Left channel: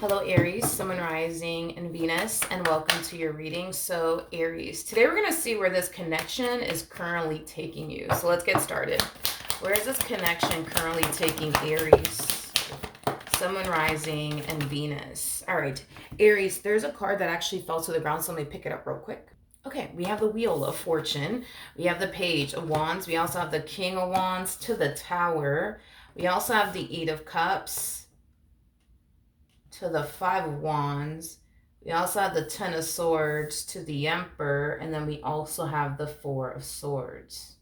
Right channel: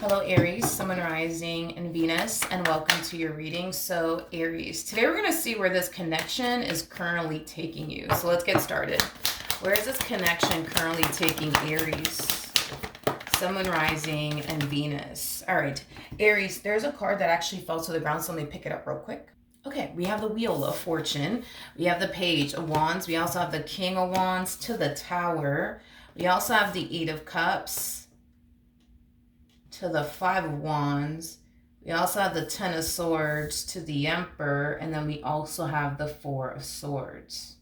Hello, Aries, Sun, Rising, and Venus, and welcome to your reading. So, Aries, today we're going to see where this connection is currently taking you. So, let's get started. Where is this connection currently taking Aries, Sun, Rising, and Venus? All right, Aries, there's a card that actually fell to the ground, so let me pick it up real quick. Okay, we have the Wheel of Fortune. We have the Page of Wands. We also have the King of Wands to the Tower. We also have the Eight of Cups to the Five of Wands. We also have the Ten of Swords to the Emperor, and then we also have the Four of Swords.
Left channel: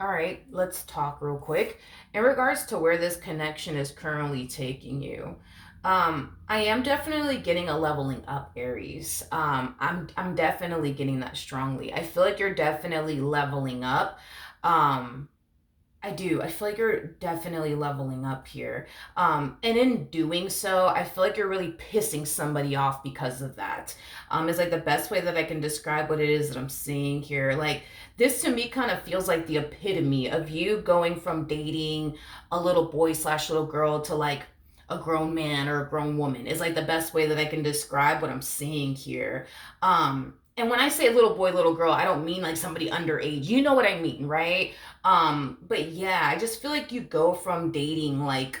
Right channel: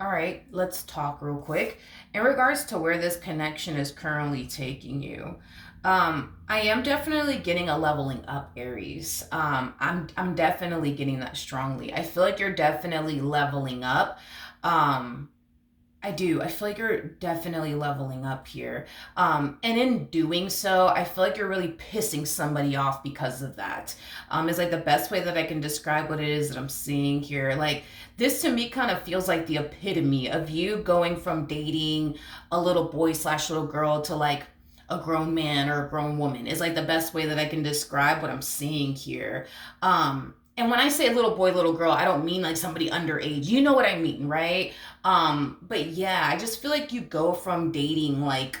All right, let's talk real quick. In regards to where this connection is currently taking you, I am definitely getting a leveling up, Aries. I'm definitely getting that strongly. I feel like you're definitely leveling up. I do. I feel like you're definitely leveling up here. And in doing so, I feel like you're really pissing somebody off because of that. Is like the best way that I can describe what it is that I'm seeing here. Like, this to me kind of feels like the epitome of you going from dating a little boy slash little girl to like a grown man or a grown woman is like the best way that I can describe what I'm seeing here. And when I say little boy, little girl, I don't mean like somebody underage. You know what I mean, right? But yeah, I just feel like you go from dating like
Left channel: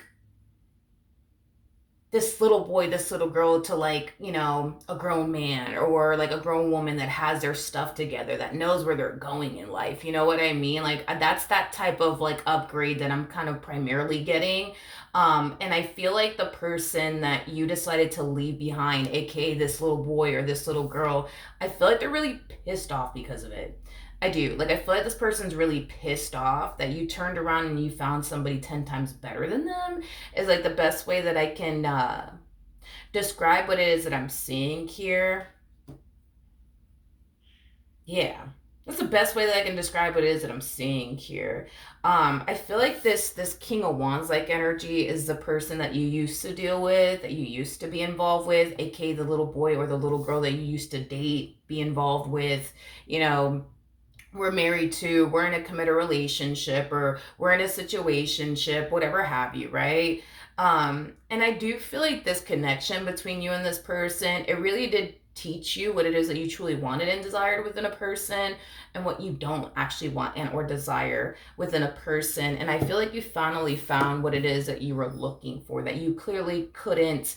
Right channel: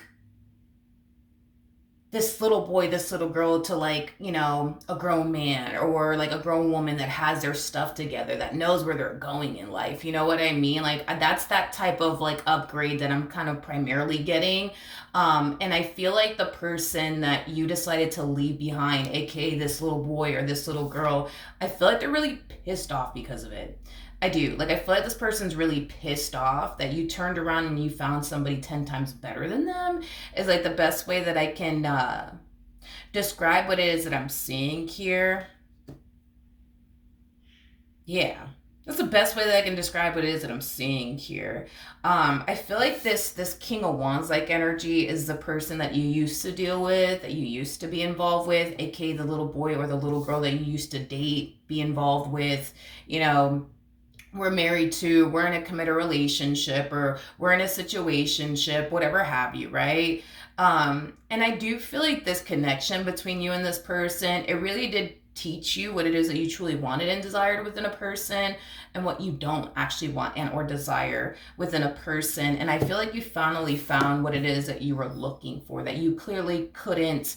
this little boy, this little girl to like, a grown man or like a grown woman that has their stuff together, that knows where they're going in life. You know what I mean? Like that's that type of like upgrade that I'm kind of primarily getting. And I feel like the person that you decided to leave behind, aka this little boy or this little girl, I feel like they're really pissed off because of it. I do. Like, I feel like this person's really pissed off that you turned around and you found somebody 10 times better than them, is like the best way that I can describe what it is that I'm seeing here. Yeah. That's the best way that I can describe what it is that I'm seeing here. I feel like this King of Wands like energy is the person that you used to deal with, that you used to be involved with, aka the little boy or the little girl that you used to date, be involved with, you know, we're married to, we're in a committed relationship, or we're in a situationship, whatever have you, right? And I do feel like this connection between you and this person, it really did teach you what it is that you truly wanted and desired within a person, and what you don't actually want and or desire within a person. And I feel like you finally found what it is that you were looking for, that you clearly couldn't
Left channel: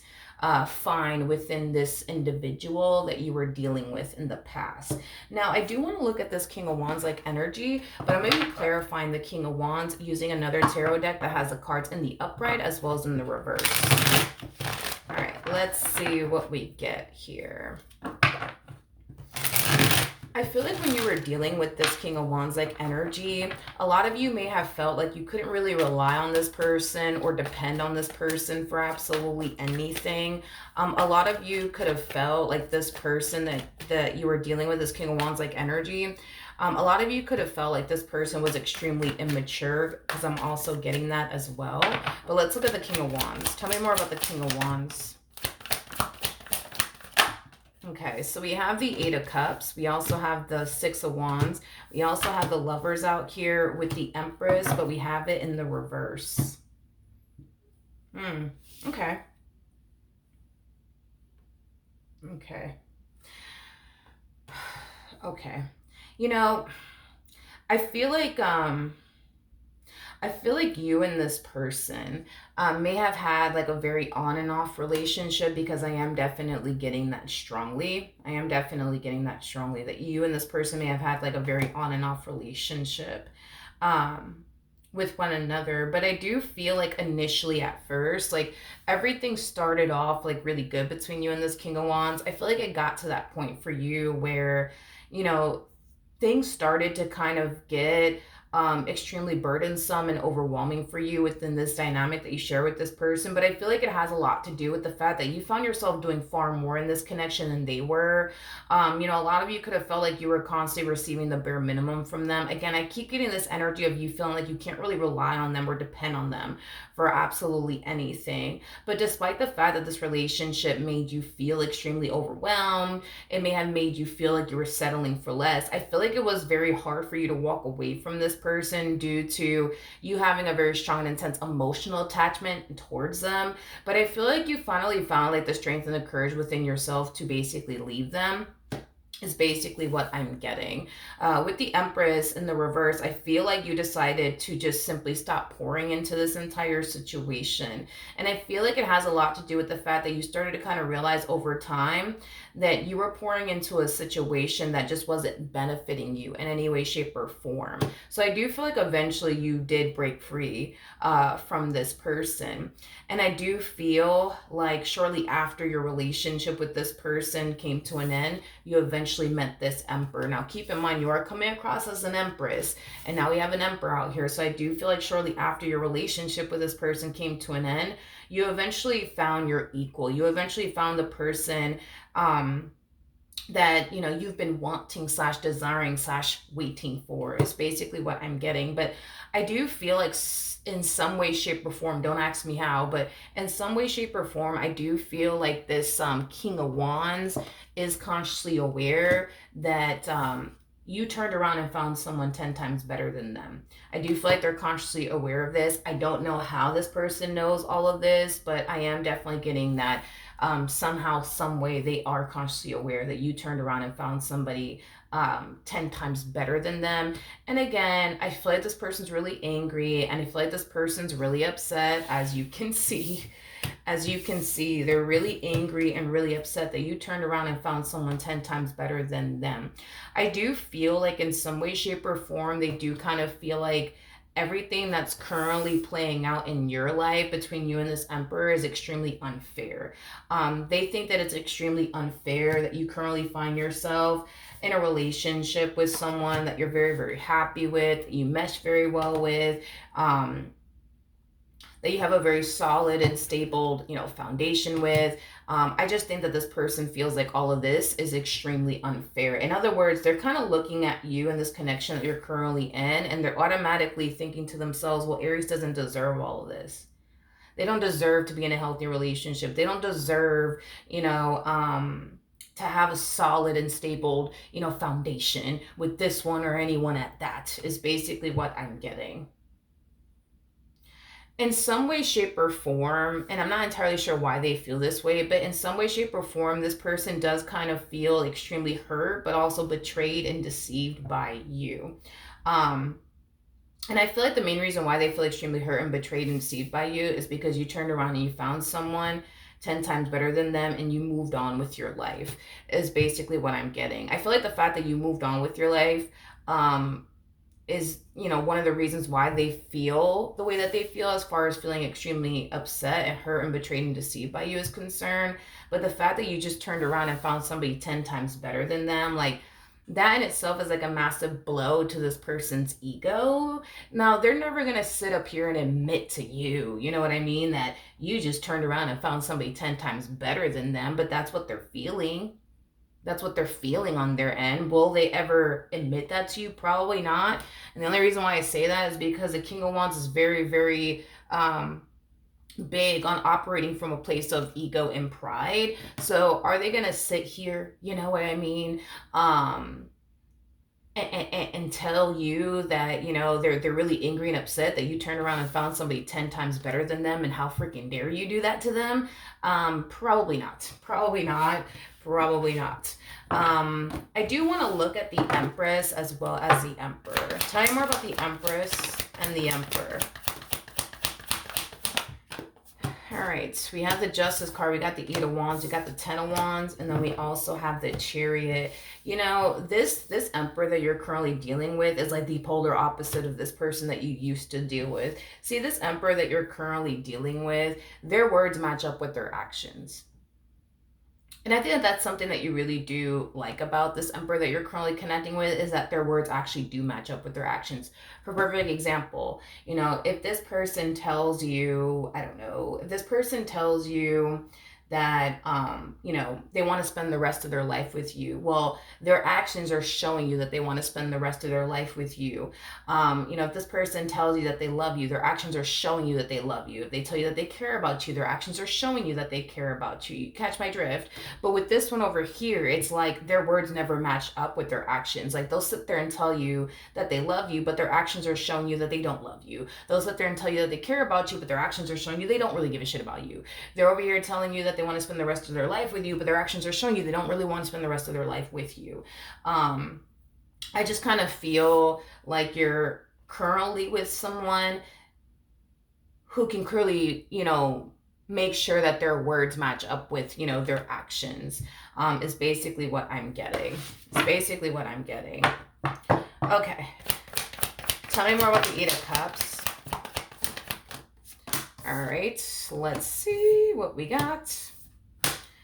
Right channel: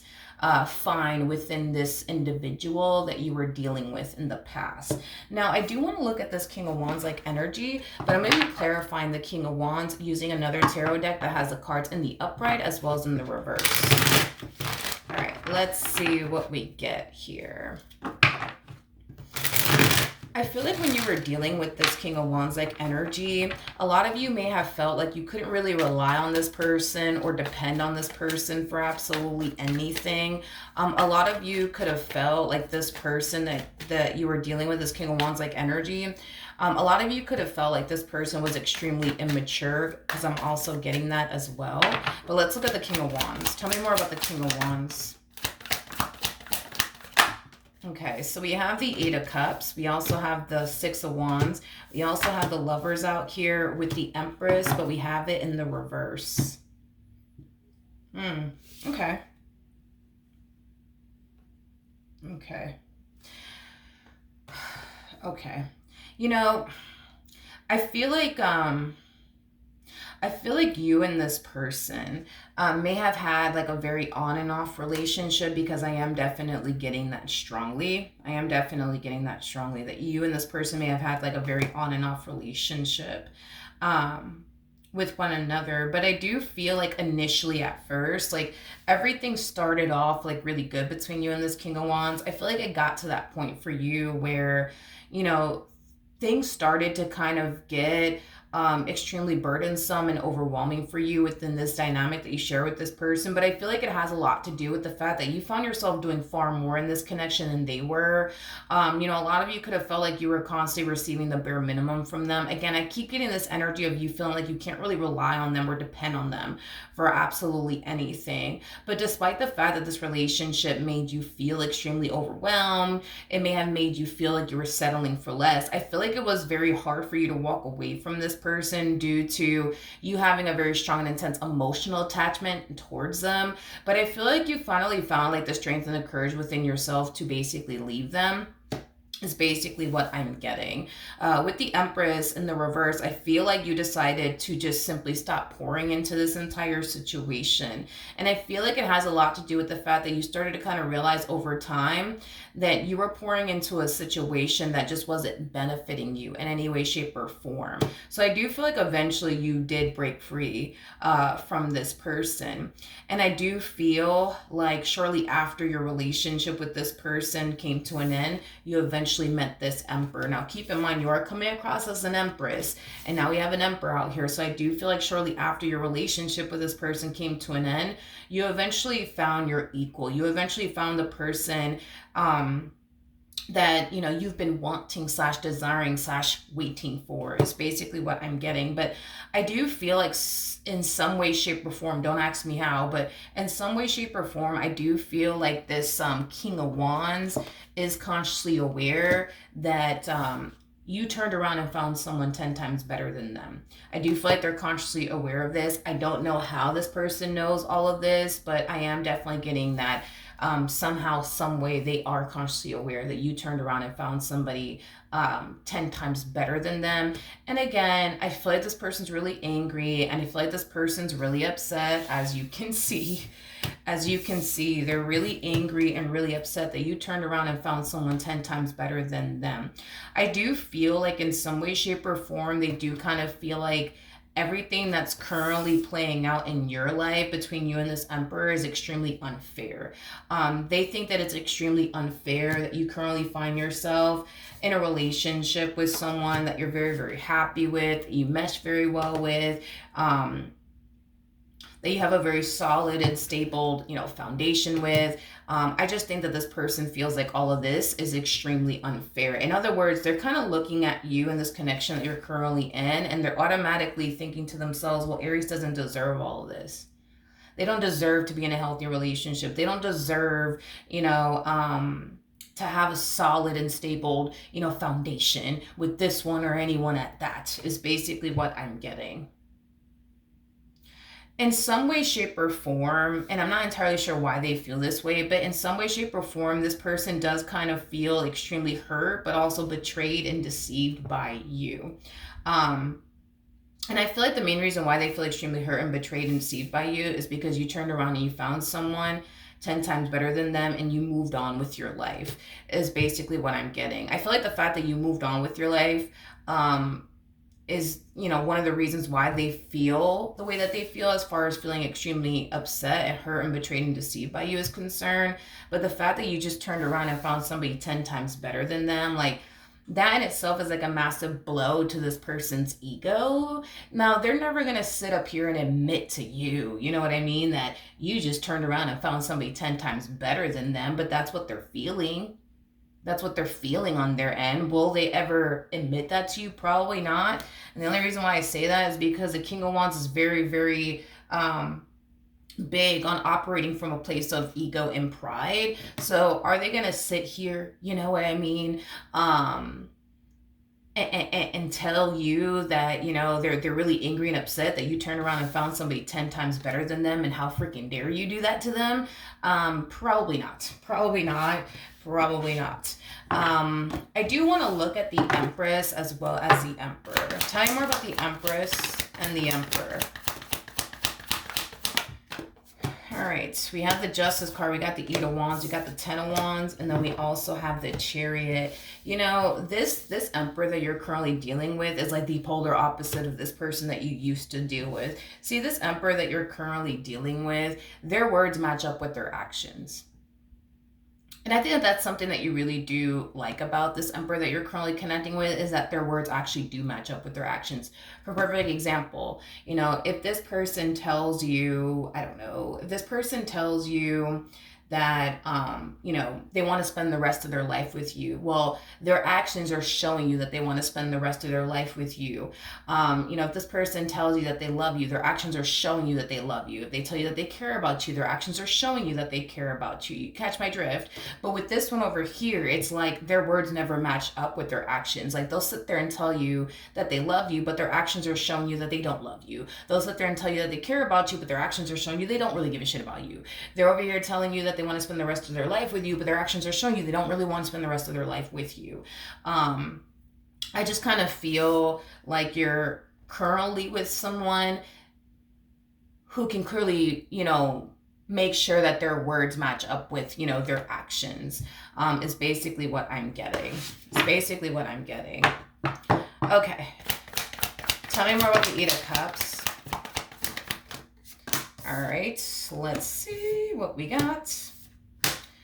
find within this individual that you were dealing with in the past. Now, I do want to look at this King of Wands like energy, but I'm going to be clarifying the King of Wands using another tarot deck that has the cards in the upright as well as in the reverse. All right, let's see what we get here. I feel like when you were dealing with this King of Wands like energy, a lot of you may have felt like you couldn't really rely on this person or depend on this person for absolutely anything. A lot of you could have felt like this person that you were dealing with, this King of Wands like energy. A lot of you could have felt like this person was extremely immature, because I'm also getting that as well. But let's look at the King of Wands. Tell me more about the King of Wands. Okay, so we have the Eight of Cups. We also have the Six of Wands. We also have the Lovers out here with the Empress, but we have it in the reverse. Okay. Okay. Okay. You know, I feel like you and this person may have had like a very on and off relationship, because I am definitely getting that strongly. I am definitely getting that strongly that you and this person may have had like a very on and off relationship with one another. But I do feel like initially at first, like everything started off like really good between you and this King of Wands. I feel like it got to that point for you where, you know, things started to kind of get extremely burdensome and overwhelming for you within this dynamic that you share with this person. But I feel like it has a lot to do with the fact that you found yourself doing far more in this connection than they were. A lot of you could have felt like you were constantly receiving the bare minimum from them. Again, I keep getting this energy of you feeling like you can't really rely on them or depend on them for absolutely anything. But despite the fact that this relationship made you feel extremely overwhelmed, it may have made you feel like you were settling for less, I feel like it was very hard for you to walk away from this person due to you having a very strong and intense emotional attachment towards them. But I feel like you finally found like the strength and the courage within yourself to basically leave them, is basically what I'm getting. With the Empress in the reverse, I feel like you decided to just simply stop pouring into this entire situation. And I feel like it has a lot to do with the fact that you started to kind of realize over time that you were pouring into a situation that just wasn't benefiting you in any way, shape, or form. So I do feel like eventually you did break free from this person. And I do feel like shortly after your relationship with this person came to an end, you eventually met this emperor. Now, keep in mind, you are coming across as an empress, and now we have an emperor out here. So I do feel like shortly after your relationship with this person came to an end, you eventually found your equal. You eventually found the person that you've been wanting slash desiring slash waiting for, is basically what I'm getting. But I do feel like in some way, shape, or form, don't ask me how, but in some way, shape, or form, I do feel like this King of Wands is consciously aware that you turned around and found someone 10 times better than them. I do feel like they're consciously aware of this. I don't know how this person knows all of this, but I am definitely getting that somehow, some way, they are consciously aware that you turned around and found somebody 10 times better than them. And again, I feel like this person's really angry, and I feel like this person's really upset, as you can see. As you can see, they're really angry and really upset that you turned around and found someone 10 times better than them. I do feel like in some way, shape, or form, they do kind of feel like everything that's currently playing out in your life between you and this emperor is extremely unfair. They think that it's extremely unfair that you currently find yourself in a relationship with someone that you're very, very happy with, you mesh very well with, that you have a very solid and stable, foundation with. I just think that this person feels like all of this is extremely unfair. In other words, they're kind of looking at you and this connection that you're currently in, and they're automatically thinking to themselves, well, Aries doesn't deserve all of this. They don't deserve to be in a healthy relationship. They don't deserve, to have a solid and stable, foundation with this one or anyone at that, is basically what I'm getting. In some way, shape, or form, and I'm not entirely sure why they feel this way, but in some way, shape, or form, this person does kind of feel extremely hurt, but also betrayed and deceived by you. Um, and I feel like the main reason why they feel extremely hurt and betrayed and deceived by you is because you turned around and you found someone 10 times better than them and you moved on with your life, is basically what I'm getting. I feel like the fact that you moved on with your life is one of the reasons why they feel the way that they feel, as far as feeling extremely upset and hurt and betrayed and deceived by you is concerned. But the fact that you just turned around and found somebody 10 times better than them, like, that in itself is like a massive blow to this person's ego. Now, they're never going to sit up here and admit to you, you know what I mean, that you just turned around and found somebody 10 times better than them, but that's what they're feeling. That's what they're feeling on their end. Will they ever admit that to you? Probably not. And the only reason why I say that is because the King of Wands is very, very big on operating from a place of ego and pride. So are they going to sit here, you know what I mean, and tell you that they're really angry and upset that you turned around and found somebody 10 times better than them, and how freaking dare you do that to them? Probably not. I do want to look at the Empress as well as the Emperor. Tell me more about the Empress and the Emperor. All right, we have the Justice card, we got the Eight of Wands, we got the Ten of Wands, and then we also have the Chariot. This Emperor that you're currently dealing with is like the polar opposite of this person that you used to deal with. See, this Emperor that you're currently dealing with, their words match up with their actions. And I think that that's something that you really do like about this Emperor that you're currently connecting with, is that their words actually do match up with their actions. For perfect example, if this person tells you, I don't know, if this person tells you that, they want to spend the rest of their life with you. Well, their actions are showing you that they want to spend the rest of their life with you. If this person tells you that they love you, their actions are showing you that they love you. If they tell you that they care about you, their actions are showing you that they care about you. You catch my drift? But with this one over here, it's like their words never match up with their actions. Like they'll sit there and tell you that they love you, but their actions are showing you that they don't love you. They'll sit there and tell you that they care about you, but their actions are showing you they don't really give a shit about you. They're over here telling you that they want to spend the rest of their life with you, but their actions are showing you they don't really want to spend the rest of their life with you. I just kind of feel like you're currently with someone who can clearly, make sure that their words match up with, their actions, is basically what I'm getting. It's basically what I'm getting. Okay. Tell me more about the Eight of Cups. All right. Let's see what we got.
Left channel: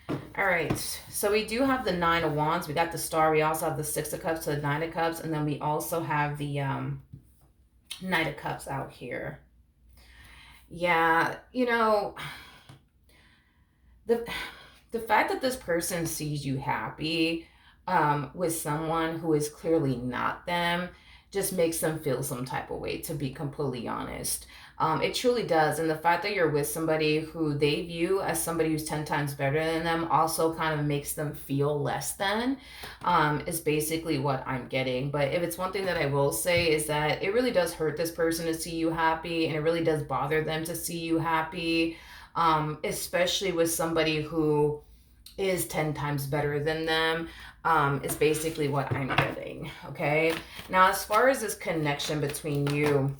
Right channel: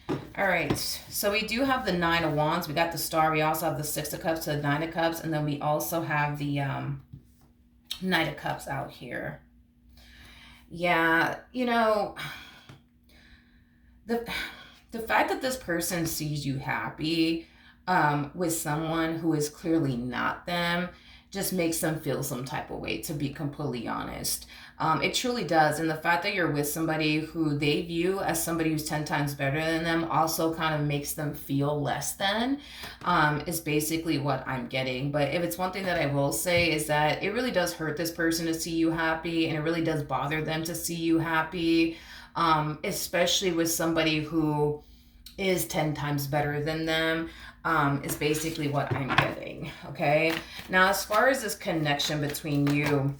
All right. So we do have the Nine of Wands. We got the Star. We also have the Six of Cups, the Nine of Cups. And then we also have the Knight of Cups out here. Yeah. The fact that this person sees you happy with someone who is clearly not them just makes them feel some type of way, to be completely honest. It truly does. And the fact that you're with somebody who they view as somebody who's 10 times better than them also kind of makes them feel less than, is basically what I'm getting. But if it's one thing that I will say is that it really does hurt this person to see you happy, and it really does bother them to see you happy, especially with somebody who is 10 times better than them, is basically what I'm getting. Okay. Now, as far as this connection between you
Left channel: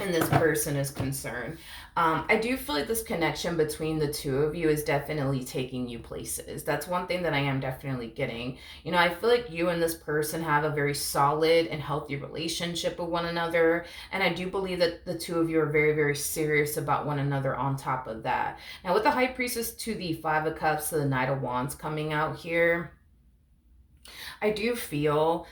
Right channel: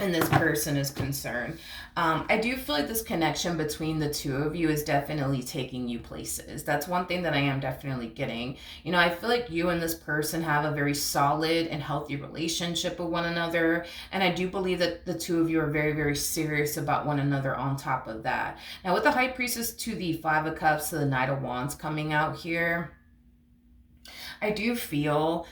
and this person is concerned, I do feel like this connection between the two of you is definitely taking you places. That's one thing that I am definitely getting. I feel like you and this person have a very solid and healthy relationship with one another. And I do believe that the two of you are very, very serious about one another on top of that. Now, with the High Priestess to the Five of Cups to the Knight of Wands coming out here, I do feel,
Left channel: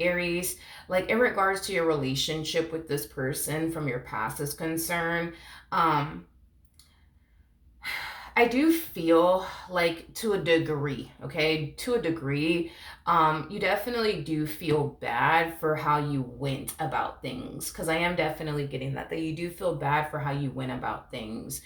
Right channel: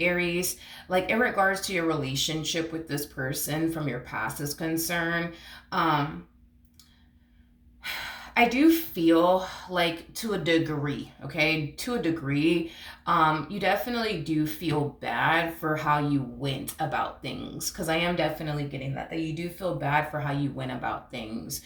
Aries, like in regards to your relationship with this person from your past is concerned, I do feel like to a degree, okay, to a degree, you definitely do feel bad for how you went about things. Because I am definitely getting that you do feel bad for how you went about things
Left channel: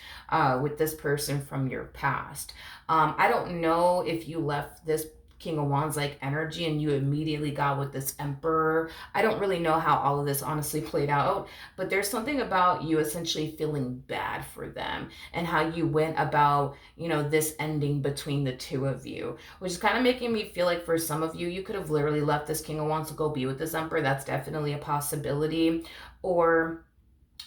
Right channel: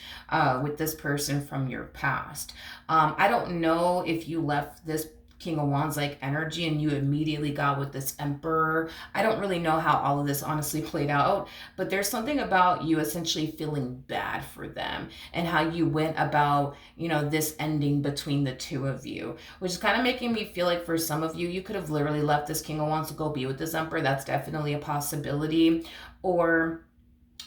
with this person from your past. I don't know if you left this King of Wands like energy and you immediately got with this Emperor. I don't really know how all of this honestly played out, but there's something about you essentially feeling bad for them and how you went about, this ending between the two of you, which is kind of making me feel like for some of you, you could have literally left this King of Wands to go be with this Emperor. That's definitely a possibility. Or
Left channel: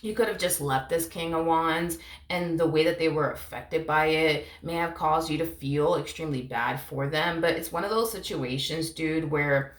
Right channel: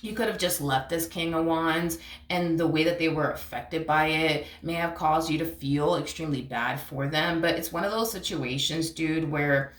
you could have just left this King of Wands, and the way that they were affected by it may have caused you to feel extremely bad for them. But it's one of those situations, dude, where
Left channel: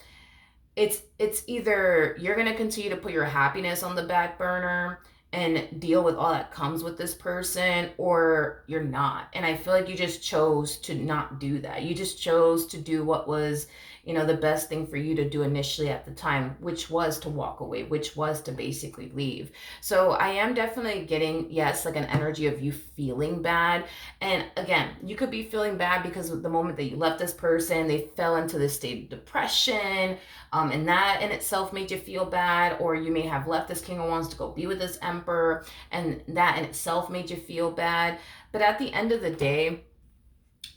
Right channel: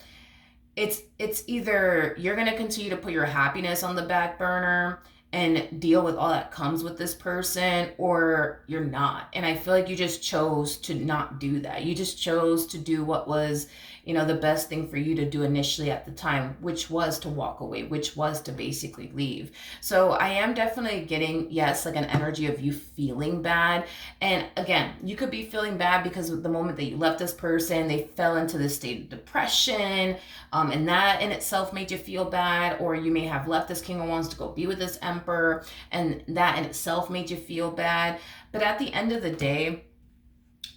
it's either you're going to continue to put your happiness on the back burner and deal with all that comes with this person, or you're not. And I feel like you just chose to not do that. You just chose to do what was, the best thing for you to do initially at the time, which was to walk away, which was to basically leave. So I am definitely getting, yes, like an energy of you feeling bad. And again, you could be feeling bad because of the moment that you left this person, they fell into this state of depression, and that in itself made you feel bad. Or you may have left this King of Wands to go be with this Emperor, and that in itself made you feel bad. But at the end of the day,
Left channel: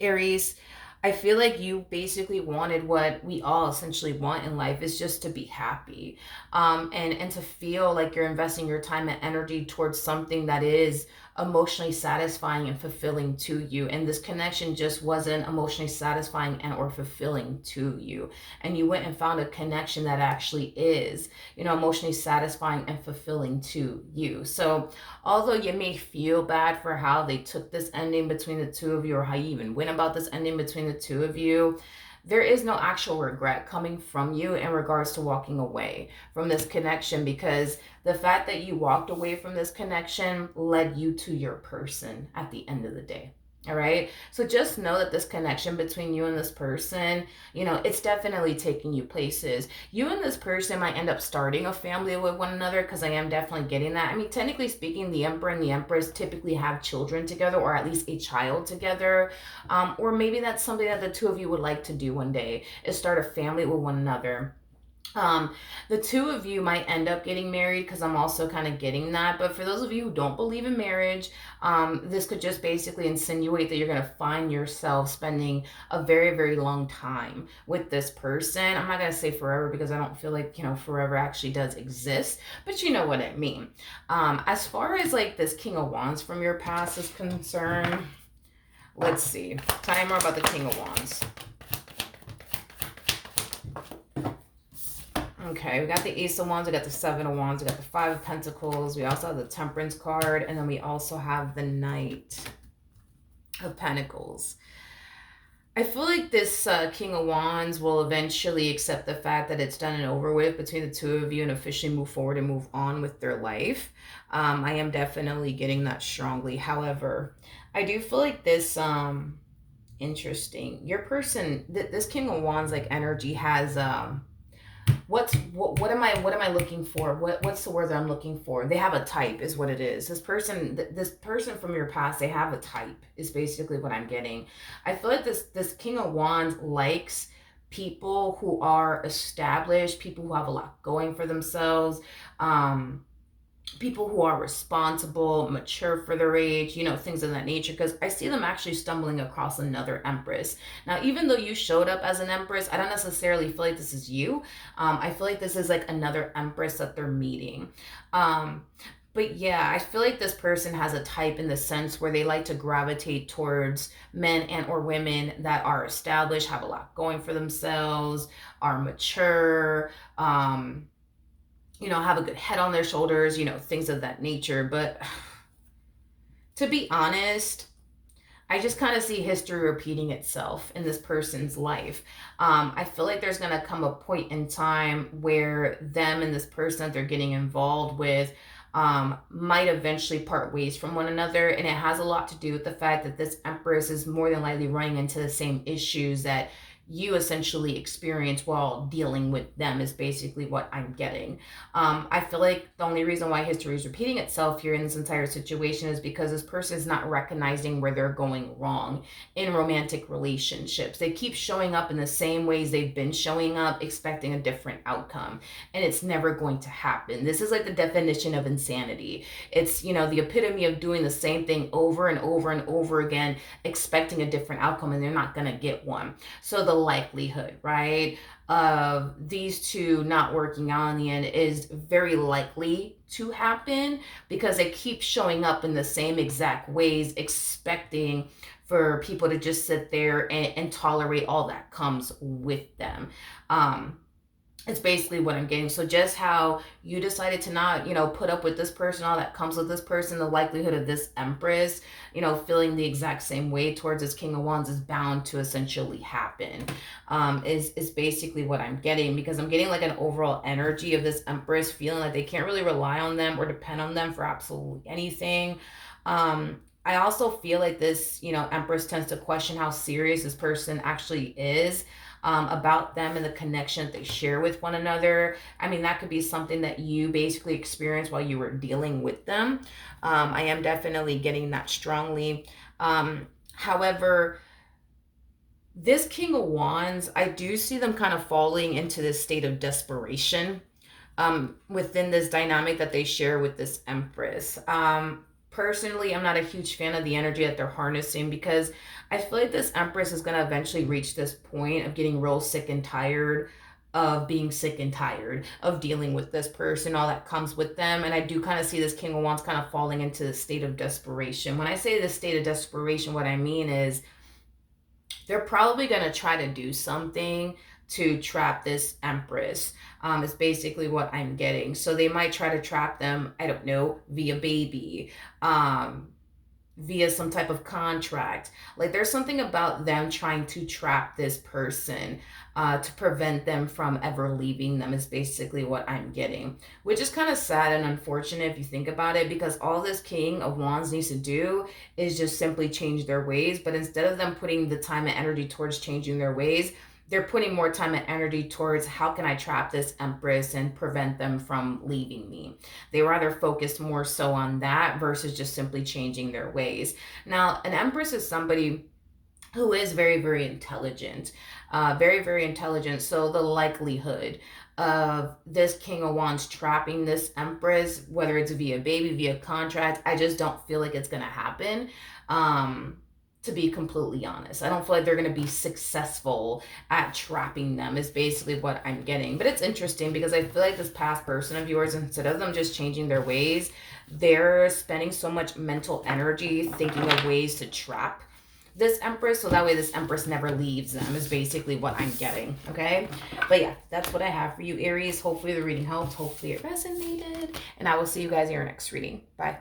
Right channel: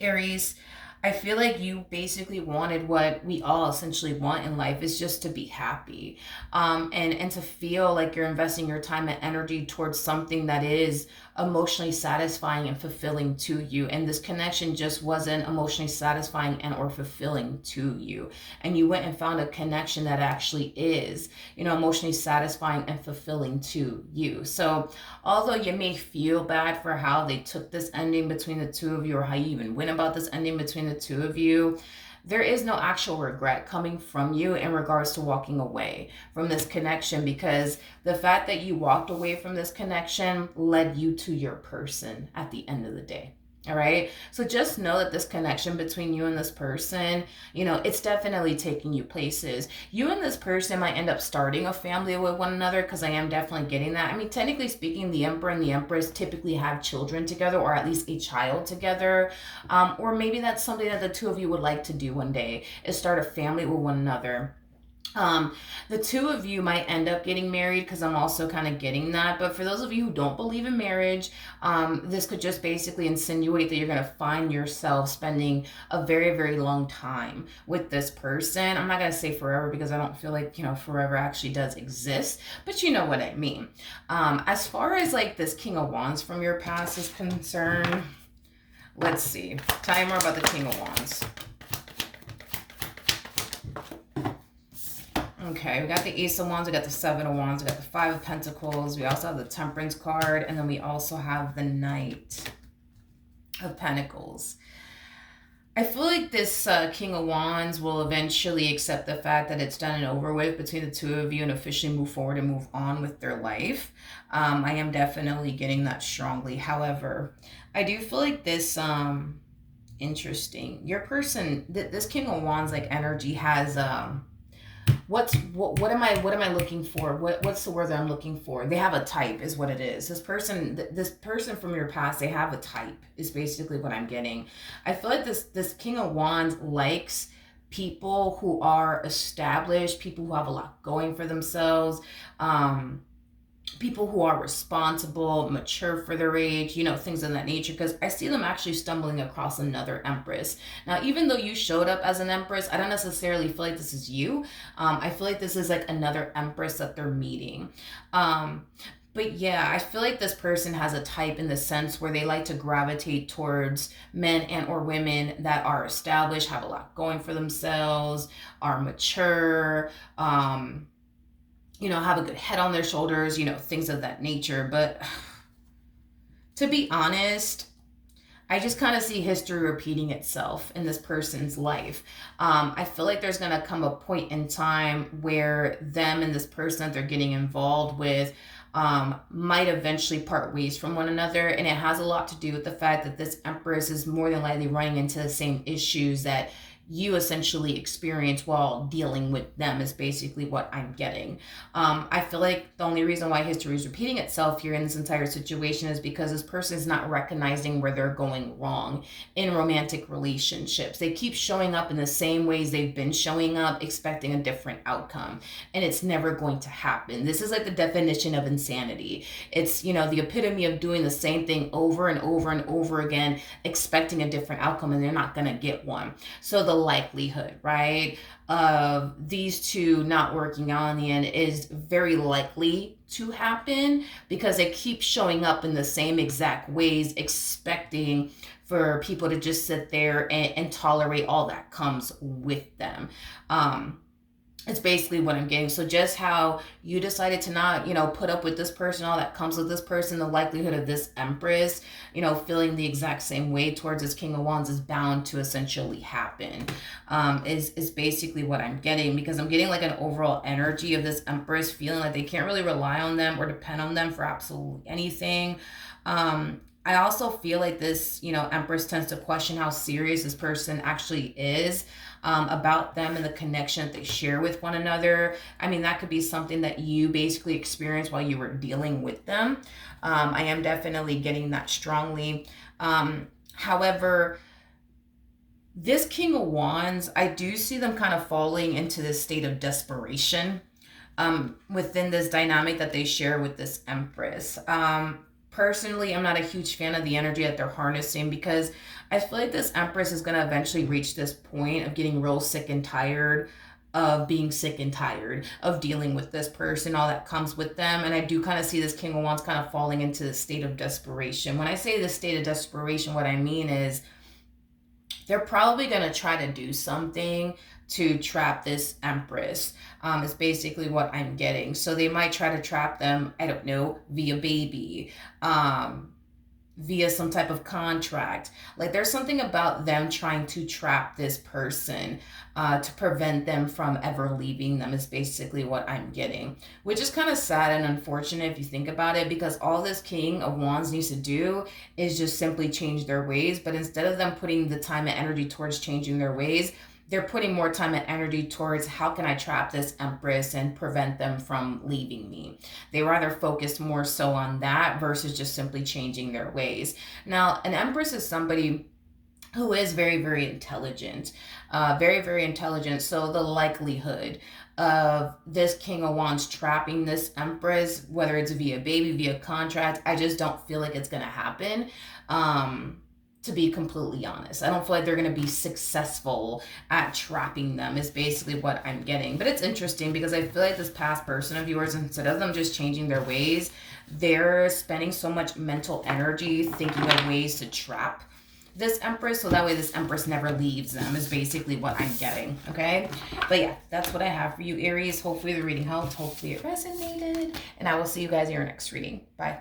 Aries, I feel like you basically wanted what we all essentially want in life, is just to be happy, and to feel like you're investing your time and energy towards something that is emotionally satisfying and fulfilling to you. And this connection just wasn't emotionally satisfying and or fulfilling to you. And you went and found a connection that actually is, emotionally satisfying and fulfilling to you. So although you may feel bad for how they took this ending between the two of you, or how you even went about this ending between the two of you, there is no actual regret coming from you in regards to walking away from this connection, because the fact that you walked away from this connection led you to your person at the end of the day. All right. So just know that this connection between you and this person, it's definitely taking you places. You and this person might end up starting a family with one another, because I am definitely getting that. I mean, technically speaking, the Emperor and the Empress typically have children together, or at least a child together. Or maybe that's something that the two of you would like to do one day, is start a family with one another. um, the two of you might end up getting married, because I'm also kind of getting that. But for those of you who don't believe in marriage, this could just basically insinuate that you're going to find yourself spending a very, very long time with this person. I'm not going to say forever, because I don't feel like, forever actually does exist, but you know what I mean. As far as like this King of Wands from your past is concerned, let's see. Tell me more about the King of Wands. Okay, we got the Ace of Wands, we got the Seven of Wands, we got the Five of Pentacles, we also have the Temperance card, and then we also have the Knight of Pentacles. I feel like this King of Wands will eventually accept the fact that it's done and over with between the two of you, and officially move forward and move on with their life. I am definitely getting that strongly. However, I do feel like this, interesting. Your person, this King of Wands like energy has, what am I looking for? What's the word that I'm looking for? They have a type, is what it is. This person from your past, they have a type, is basically what I'm getting. I feel like this King of Wands likes people who are established, people who have a lot going for themselves, people who are responsible, mature for their age, things of that nature. Because I see them actually stumbling across another Empress. Now, even though you showed up as an Empress, I don't necessarily feel like this is you. I feel like this is like another Empress that they're meeting. But yeah, I feel like this person has a type, in the sense where they like to gravitate towards men and or women that are established, have a lot going for themselves, are mature, have a good head on their shoulders, things of that nature. But to be honest, I just kind of see history repeating itself in this person's life. I feel like there's going to come a point in time where them and this person that they're getting involved with might eventually part ways from one another. And it has a lot to do with the fact that this Empress is more than likely running into the same issues that you essentially experience while dealing with them, is basically what I'm getting. I feel like the only reason why history is repeating itself here in this entire situation is because this person is not recognizing where they're going wrong in romantic relationships. They keep showing up in the same ways they've been showing up, expecting a different outcome, and it's never going to happen. This is like the definition of insanity. It's, the epitome of doing the same thing over and over and over again, expecting a different outcome, and they're not going to get one. So the likelihood, right, of these two not working out in the end is very likely to happen, because they keep showing up in the same exact ways, expecting for people to just sit there and tolerate all that comes with them. It's basically what I'm getting. So just how you decided to not, put up with this person, all that comes with this person, the likelihood of this Empress, feeling the exact same way towards this King of Wands is bound to essentially happen. Is basically what I'm getting, because I'm getting like an overall energy of this Empress feeling like they can't really rely on them or depend on them for absolutely anything. I also feel like this, Empress tends to question how serious this person actually is, about them and the connection that they share with one another. I mean, that could be something that you basically experienced while you were dealing with them. I am definitely getting that strongly. However, this King of Wands, I do see them kind of falling into this state of desperation within this dynamic that they share with this Empress. Personally, I'm not a huge fan of the energy that they're harnessing, because I feel like this Empress is going to eventually reach this point of getting real sick and tired of being sick and tired of dealing with this person, all that comes with them. And I do kind of see this King of Wands kind of falling into the state of desperation. When I say the state of desperation, what I mean is they're probably going to try to do something to trap this Empress, is basically what I'm getting. So they might try to trap them, I don't know, via baby, via some type of contract. Like there's something about them trying to trap this person to prevent them from ever leaving them, is basically what I'm getting. Which is kind of sad and unfortunate if you think about it, because all this King of Wands needs to do is just simply change their ways. But instead of them putting the time and energy towards changing their ways, they're putting more time and energy towards how can I trap this Empress and prevent them from leaving me. They rather focus more so on that versus just simply changing their ways. Now, an Empress is somebody who is very, very intelligent. Very, very intelligent. So the likelihood of this King of Wands trapping this Empress, whether it's via baby, via contract, I just don't feel like it's going to happen. Um, to be completely honest, I don't feel like they're going to be successful at trapping them, is basically what I'm getting. But it's interesting because I feel like this past person of yours, instead of them just changing their ways, they're spending so much mental energy thinking of ways to trap this Empress, so that way this Empress never leaves them, is basically what I'm getting. Okay, but yeah, that's what I have for you, Aries. Hopefully the reading helped, hopefully it resonated, and I will see you guys in your next reading. Bye.